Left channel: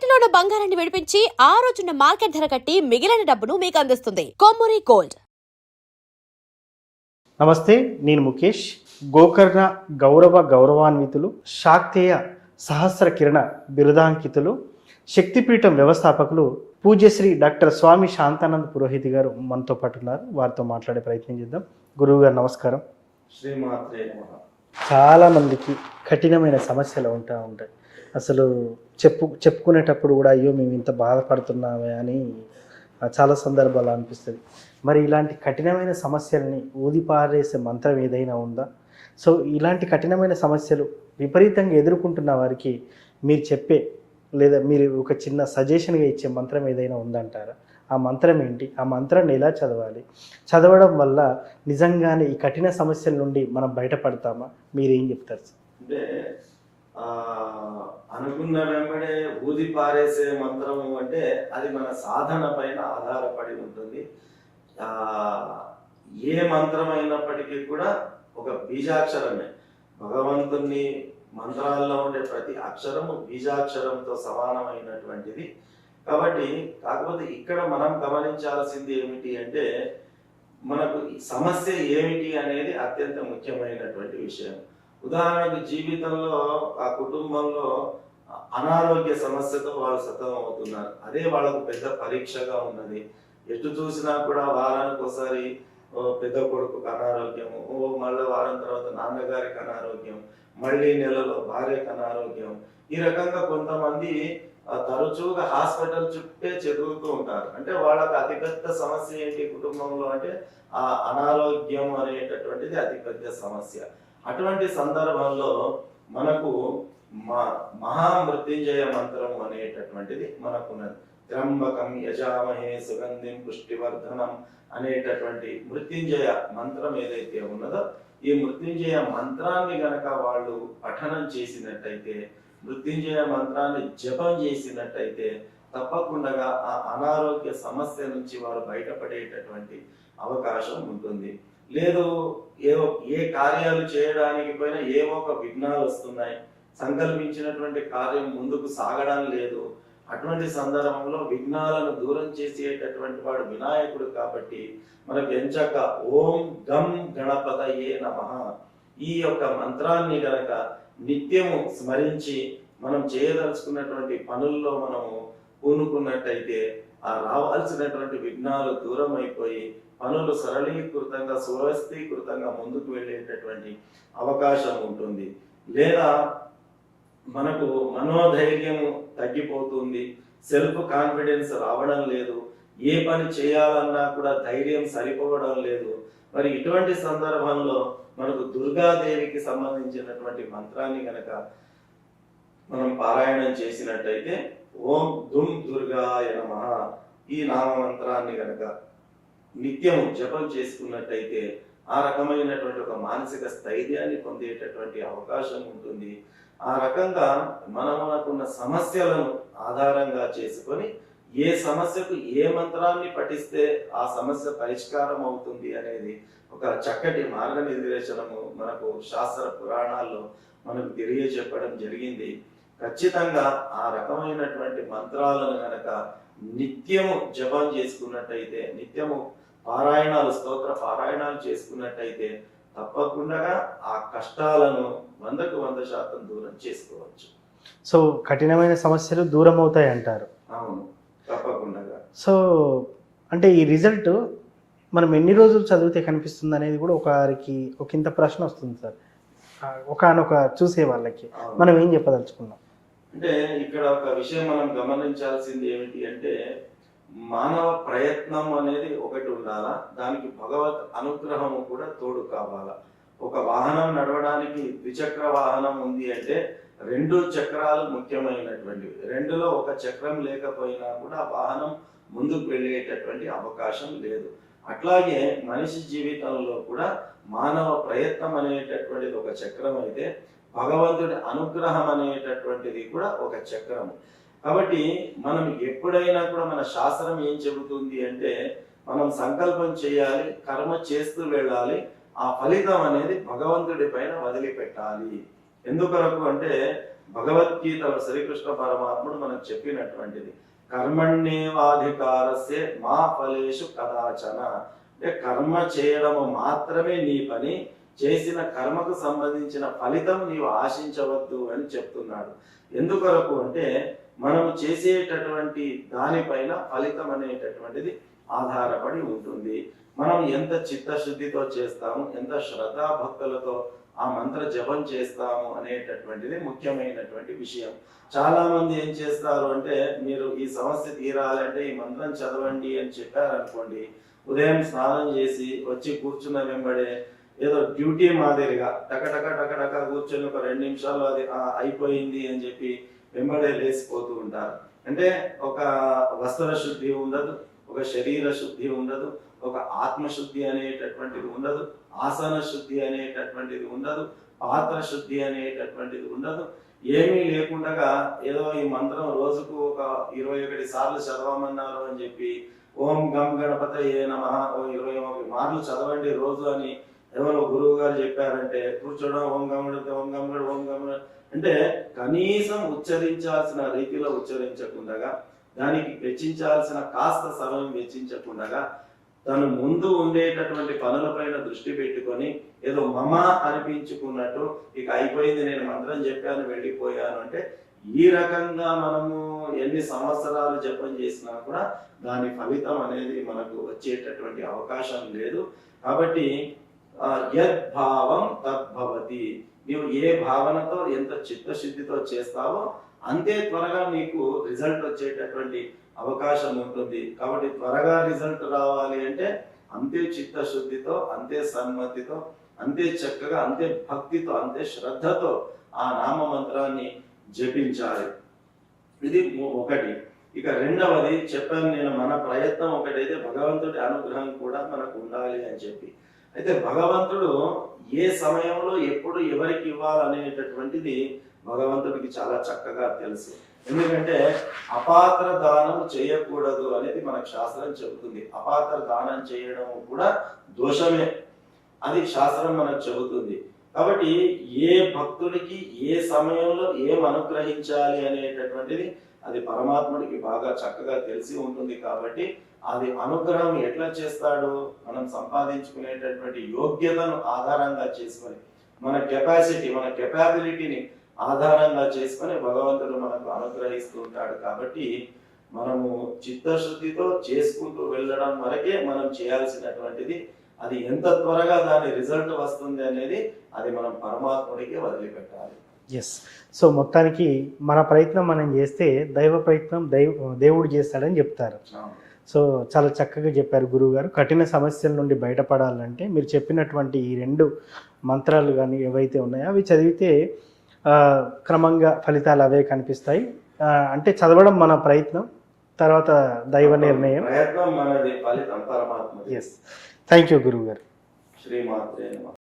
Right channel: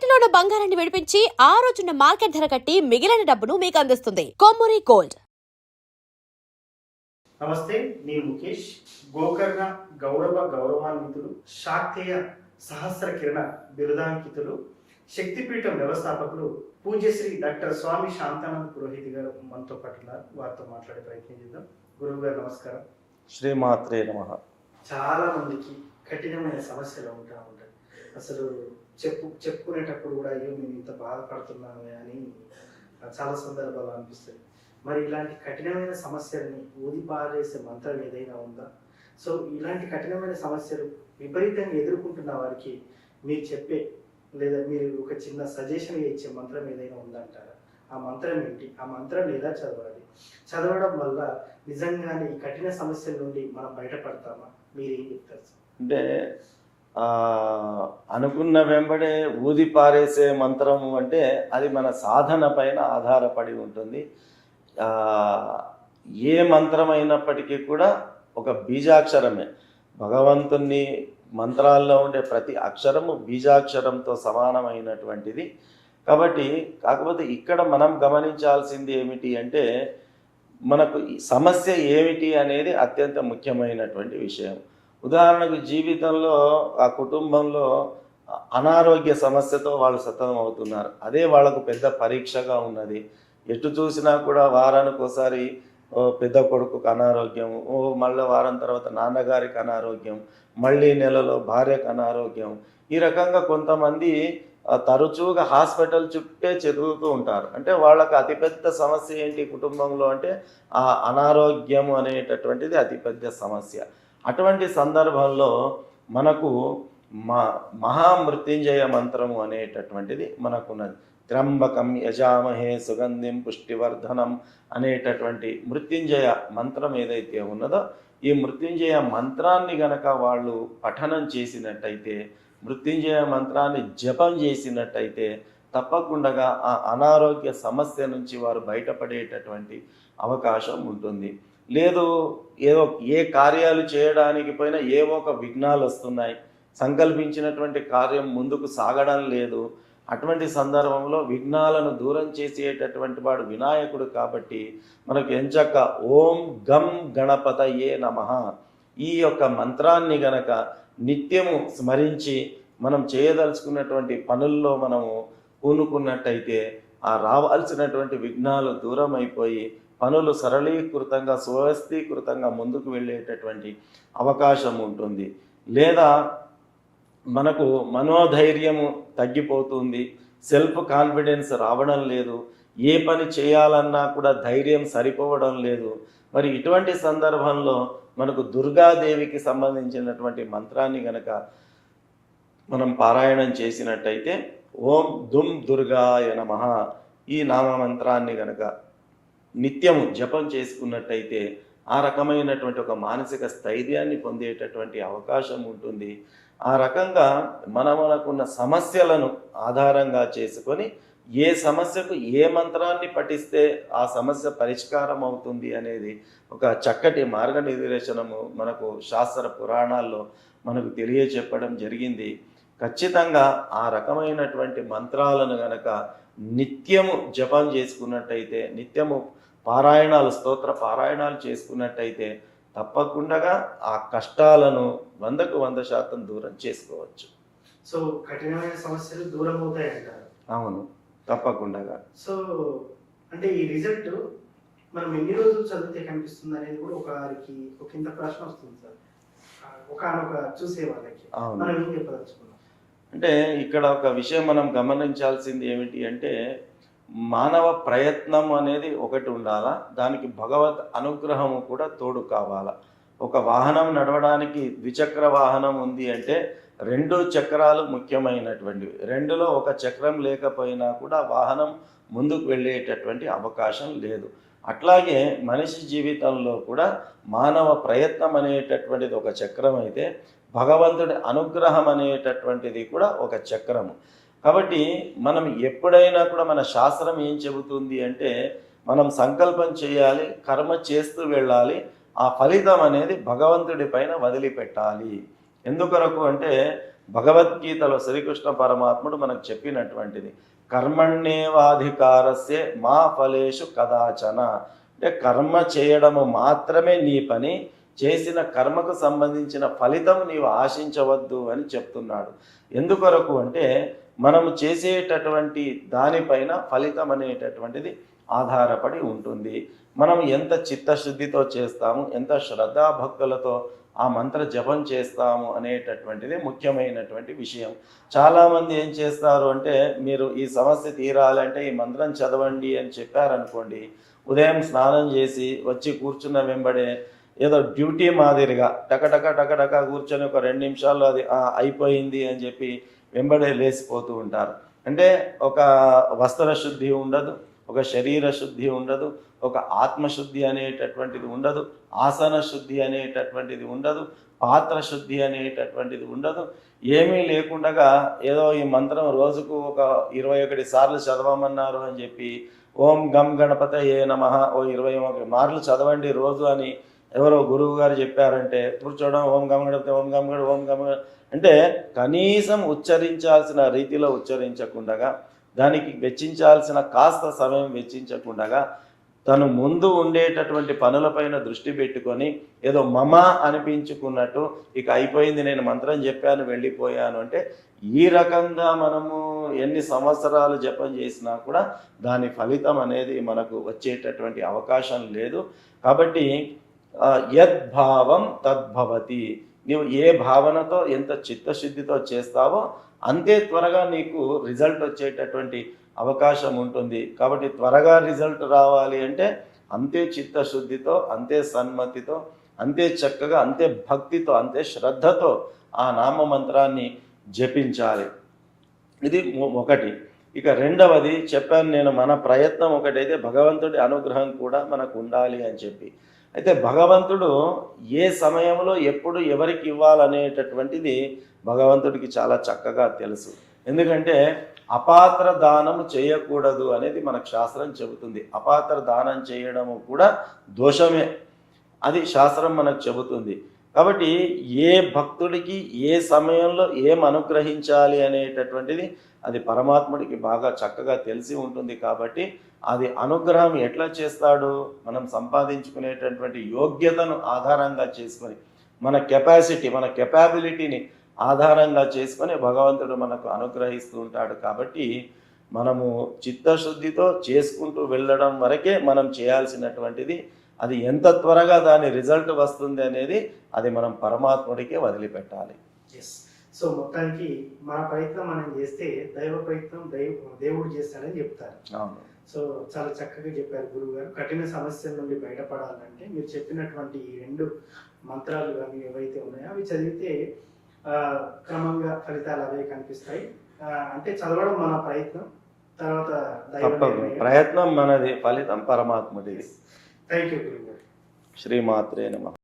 తాకట్టులో ఉన్న బంగారాన్ని విడిపించి ఆ రోజున్న మార్కెట్ ధర కట్టి మిగిలిన డబ్బును మీకు అందిస్తుంది కొమ్మూరి గోల్డ్. నమస్తే, నేను ముఖేష్. గోకర్ణ గౌరవాన్వితులు, శాక్తేయ సహస్ర కిరణ బిరుదాంకితులు, శక్తిపీఠం వ్యవస్థాపకులు పూజ్యశ్రీ డాక్టర్ స్వామి శాంతానంద పురోహిత్ గారు మనతో పాటు ఉన్నారు. వారితో మాట్లాడే ప్రయత్నం చేద్దాం. గురువు గారు నమస్కారం. శ్రీమాత్రే నమః. చాలామందికి కఠినమైన సమస్యలు ఉంటాయి. అసలు చెప్పుకునేటప్పుడు కూడా అయ్యో మేము ఇంత బాధపడుతున్నామే అని చాలా సందర్భాలు అనిపిస్తుంది. మరి ఇలాంటి కఠినమైన సమస్యలని ఊదిపారేసే మంత్రం ఏదైనా ఉందా? సో ఇలాంటి కఠినమైన సమస్యలు విపరీతంగా ఎదుర్కొంటున్న వారికి మీరు చెప్పే లేదా మీరు ఒక చిన్న సజెషన్గా ఇచ్చే మంత్రం ఏదైనా ఉందంటారా? ఆ మంత్రం ఏంటి? ఆ మంత్రాన్ని ఎలా చదవాలి? చదవడం వల్ల నిజంగానే ఈ కఠిన సమస్యల నుండి మనం బయటపడతామా? మీరేం చెప్తారు? అంటే అనుకున్న వెంబడే ఊది పారేసే మంత్రం అంటే అది మన సాధన పైన ఆధారపడి ఉంటుంది. ఏ మంత్రం అయినప్పటికీ కూడా ఒక బీజాక్షరమే. భగవంతుని మంత్రాల్లో ఉండే ప్రతి అక్షరము బీజాక్షరంతో సమానమైనటువంటిది. కాబట్టి కాకపోతే ఇక్కడ మనం గమనించాల్సింది ఏమిటి అంటే మనకు సమస్య ఏమిటి అనేది అత్యంత ముఖ్యమైనటువంటి విషయం. ఉదాహరణకు జీవితంలో ఆ కుటుంబంలో అనారోగ్య సమస్యతో వాళ్ళు సతమతం అవుతున్నారు. అదే వాళ్ళకు పెద్ద పరీక్షగా ఉన్నది. ఎటు చూసినా కూడా వారానికి ఒకసారి పెద్ద కొడుకుకు అనారోగ్యం, మళ్ళీ వారం తర్వాత నాన్నగారికి అనారోగ్యం, మళ్ళీ నెలలో భార్యకు అనారోగ్యం. ఈ రకంగా కొంతమంది తరచుగా హాస్పిటల్ చుట్టే తిరుగుతూ ఉంటారు. అంటే వాళ్ళకి అతిపెద్ద సమస్య ఏంటి కుటుంబంలో అంటే ఆ అనారోగ్యం అనేటటువంటిది అతిపెద్ద సమస్య. అటువంటి సందర్భంలో మనకు మహామృత్యుంజయ మంత్రము అనేటటువంటిది మనకున్నది. త్ర్యంబకం యజామహే సుగంధిం పుష్టివర్ధనం అనేటటువంటి మృత్యుంజయ మంత్రం ఏదైతే ఉన్నదో ఈ మృత్యుంజయ మంత్రాన్ని గనక వాళ్ళు పఠనం చేసినట్టయితే, మృత్యుంజయ మంత్రాన్ని జపం చేసినట్టయితే తప్పకుండా ఆ అనారోగ్య సమస్య నుంచి వారు బయటపడేటటువంటి అవకాశం ఉంటుంది. లేదు ఏ కార్యాలు చేయడానికి పోయినా ఏవో ఒక విఘ్నాలు వస్తున్నాయి, సంకల్పించినటువంటి కార్యం ముందుకు సాగడం లేదు. అటువంటి సందర్భంలో విఘ్నాలను దూరం చేసేటటువంటి వాడు వినాయకుడు. కాబట్టి మనకు ఎంచక్క ఓం గం గణపతయే నమః ఈ యొక్క మంత్రాన్ని గనక నిత్యము స్మరించి మనం చేయదలుచుకున్నటువంటి పనుల్లో మనము పూనుకున్నట్టయితే ఆ రావాల్సినటువంటి విఘ్నాలు దూరం అయిపోయి పనులు సరళీకృతంగా సువ్యవస్థీకృతంగా ముందుకు వెళ్ళేటటువంటి అవకాశం ఉంటుంది. లేదా మనకు మనోధైర్యము తగ్గిపోతుంది, సెల్ఫ్ కాన్ఫిడెన్స్ రావడం లేదు, ఏ పని చేయాలన్నా కూడా ధైర్యం సరిపోవడం లేదు. మరి ఇటువంటి సందర్భంలో మనకు దుర్గాదేవికి సంబంధించినటువంటి మంత్రాన్ని గనక మనం పారాయణం చేసినట్టయితే ఓం దుమ్ దుర్గాయ నమః ఈ నామ మంత్రాన్ని గనక నిత్యము జపం చేసుకున్నట్టయితే ఆ రకమైనటువంటి ఒక మానసిక స్థైర్యాన్ని పొందేటటువంటి అవకాశం ఉంటుంది. ఆ రకంగా మనకున్న సమస్యలను ఆధారంగా చేసుకొని ఏ సమస్యకు ఏ మంత్రాన్ని పఠిస్తే ఆ సమస్య పరిష్కారం అవుతుంది అనేది ఒక చక్కటి మార్గనిర్దేశనము మనకు శాస్త్ర పురాణాల్లో మనకు తెలియచెప్పడం జరిగింది. ఖచ్చితంగా ఆ రకమైనటువంటి మంత్రాలను గనక నిత్యము జపం చేసుకున్నట్టయితే, నిత్యము పారాయణాలు స్తోత్ర పారాయణాలు చేసుకున్నట్టయితే తప్పకుండా ఆ కష్టాలను 100% దూరం చేసుకోవచ్చు. సో కఠినమైన సమస్యలు దూరం అవుతాయి అంటారు. అవును, తప్పకుండా. సో అంటే ఈ రిజల్ట్ మనం ఎన్ని రోజులు చదివితే కనిపిస్తుంది అనేది కూడా ఒక ఇంత ప్రశ్న వస్తుంది సార్. ఒకనొక చూసే వాళ్ళకి మనం ఏం చెప్పదలుచుకున్నాం అంటే ఇక్కడ ఒక విషయం మనం గమనించాల్సింది ఏమిటి అంటే మానవ ప్రయత్నం అనేది ఒకటి ఉండాలా, దానికి భగవత్ అనుగ్రహము కూడా తోడు కావాలా. ఒక వాహనం నడవడానికి ద్విచక్ర వాహనం ఉంది అంటే 2 చక్రాలు ముఖ్యమైనటువంటివి. 2లో ఒక చక్రం లేకపోయినా కూడా వాహనం ముందుకు వెళ్ళేటటువంటి అవకాశం లేదు. అట్లాగే మనిషి జీవితంలో కూడా మానవ ప్రయత్నం అనేటటువంటిది ఒక చక్రం అయితే భగవంతుడి అనుగ్రహం అనేటటువంటిది కూడా ఒక చక్రము. కాబట్టి మనం ఎప్పుడైనా కూడా మన శాస్త్రం ఏం చెబుతుంది అంటే మనం సంకల్పం చేయాలి, కర్మ చేస్తూ వెళ్ళాలి, ఆ ఫలితం అనేది భగవంతుడి పైన వదిలిపెట్టాలి. ఎందుకొరకు అంటే భగవద్గీతలో శ్రీకృష్ణ పరమాత్ముడు మనకు చెప్పినటువంటిది. కర్మణ్యేవాధికారస్య మా ఫలేషు కదాచన, అంటే కర్మ చేయడము మాత్రమే నీ పని, చేసిన కర్మకు సంబంధించిన ఫలితం నీవు ఆశించవద్దు అని చెప్తున్నాడు. ఎందుకొరకు అంటే మనము చేసేటటువంటి దానిపైన ఫలితం అనేటటువంటిది ఆధారపడి ఉంటుంది. మనం ఎంత చిత్తశుద్ధితో చేస్తాము, ఎంత శ్రద్ధాభక్తులతో ఆ మంత్ర జపం చేస్తాము అనేటటువంటిది ముఖ్యమైనటువంటి విషయం. చాలామంది ఏం చేస్తారు అంటే, మీరు ఈ సమస్య తీరాలంటే ఈ మంత్రం చదవండి అని చెప్పారనుకోండి, ఉదయం స్నానం చేసి వచ్చి కూర్చున్న వెంబడే ఏదో డ్యూటీ మాదిరిగా టకటక టకటక కూర్చొని ఒక 2 నిమిషాల్లో అది అయిపోయింది అని చెప్పి వెంబడే లేచిపోతూ ఉంటారు. అంటే ఒక వస్త్ర శుద్ధి ఉండదు, ఒక శరీర శుద్ధి ఉండదు, ఒక ఆత్మశుద్ధి అనేటటువంటిది ఉండదు, ఆసన శుద్ధి అనేటటువంటిది ఉండదు, పాత్ర శుద్ధి అనేటటువంటిది ఉండదు. ఏమీ లేకుండా ఏదో ఈ మంత్రం రోజుకు ఒక 21 సార్లు చదవమన్నారు అని చెప్పి ఓం గం గణపతయే నమః ఓ 21 మార్లు చదవండి రోజు అని ఎవరో గురువు గారు చెప్పారంటే కూర్చోవడం, ఓం గం గణపతి ఓం గం గణ ఓం గం అంటే కనీసం ఉచ్చరించాల్సిన రీతిలో ఉచ్చరించకుండా, దానికి వెచ్చించాల్సిన కాస్త సమయం వెచ్చించకుండా తను ముందు ఉండేటటువంటి పనులపైన దృష్టి పెట్టుకొని ఏదో మమ అనిపించుకున్నట్టు ఇక అయిపోయింది, నేను మంత్రం చెప్పాను వెళ్ళిపోయాను అంటే, ఈ రకంగా మనము ఎన్ని సంవత్సరాలు జపం చేసినా కూడా దాని ఫలితం అనేది మనకు వచ్చేటటువంటి అవకాశం లేదు. కాబట్టి యద్భావం తద్భవతి, నీవు ఏ భావనతో ఎంత చిత్తశుద్ధితో చేస్తావో అంతే త్వరగా నీకు రిజల్ట్ వచ్చేటటువంటి అవకాశం ఉంటుంది. కాబట్టి త్వరగా రిజల్ట్ రావాలి అంటే అంతే చిత్తశుద్ధితో, అంతే సన్మతితో, అంతే చక్కగా, అంతే భక్తితో, అంతే శ్రద్ధతో ఆ నామ మంత్రాన్ని జపించాలి. ఇది ఒకటి. ఇక రెండవది చెప్పాను నేను, మన ప్రయత్నం ఒకటైతే భగవంతుడి అనుగ్రహం కూడా మనకు ఉండాలి అని చెప్పి. అయితే భగవంతుడు ఏ సమయంలో ఎప్పుడు ఎవరికి ఇవ్వాలనేటటువంటిది భగవంతుడికి చాలా చక్కగా తెలుసు. ఎందుకంటే అపాత్ర దానం చేయకూడదు అనేది మనకు శాస్త్రం చెబుతుంది. అపాత్ర దానం చేయడము కూడా దోషమే, అది శాస్త్రం మనకు చెబుతుంది. కాబట్టి ఏ భక్తుడికి ఏ సమయంలో ఏం అనుగ్రహించాలి అనేటటువంటిది అది పరమాత్ముడికి బాగా చక్కగా తెలిసి ఉంటుంది. కాబట్టి అది అనుగ్రహం ఎట్లా చేస్తాడు, మనం సంపాదించుకునేటటువంటి యోగ్యతను ఆధారంగా చేసుకొని, మన కెపాసిటీ, మన కెపాబిలిటీని ఆధారంగా చేసుకొని భగవంతుడు మనకు అనుగ్రహిస్తూ ఉంటాడు. కాబట్టి మనము చిత్తశుద్ధితో చేసుకుంటూ వెళ్ళడం వరకే మనం చేయాల్సినటువంటిది. అది ఎంత త్వరగా దాని రిజల్ట్ వస్తుంది అనేది అది మనం పరమాత్ముడికే వదిలిపెట్టాలి. ఎస్. సో మొత్తానికి మన ప్రయత్నం మనం చేస్తే దైవ ప్రయత్నం దేవుడు చేస్తాడని చెప్తారు. సో చాలా చక్కగా చెప్పారు గురువు గారు. కఠిన సమస్యల నుండి బయటపడాలంటే మీరు చెప్పినటువంటి ఈ 2 మంత్రాలు కానీ ఏవైతే ఉన్నాయో అవి చదివితే క్రమంగా ఫలితాలు అవే కనిపిస్తాయి. అంటే చదవడం మన ప్రయత్నం, తర్వాత దైవ నిర్ణయం. ప్రయత్నం మనది, ఫలితం పరమాత్మది. థ్యాంక్ యూ గురువు గారు. శ్రీమాత్రే నమః.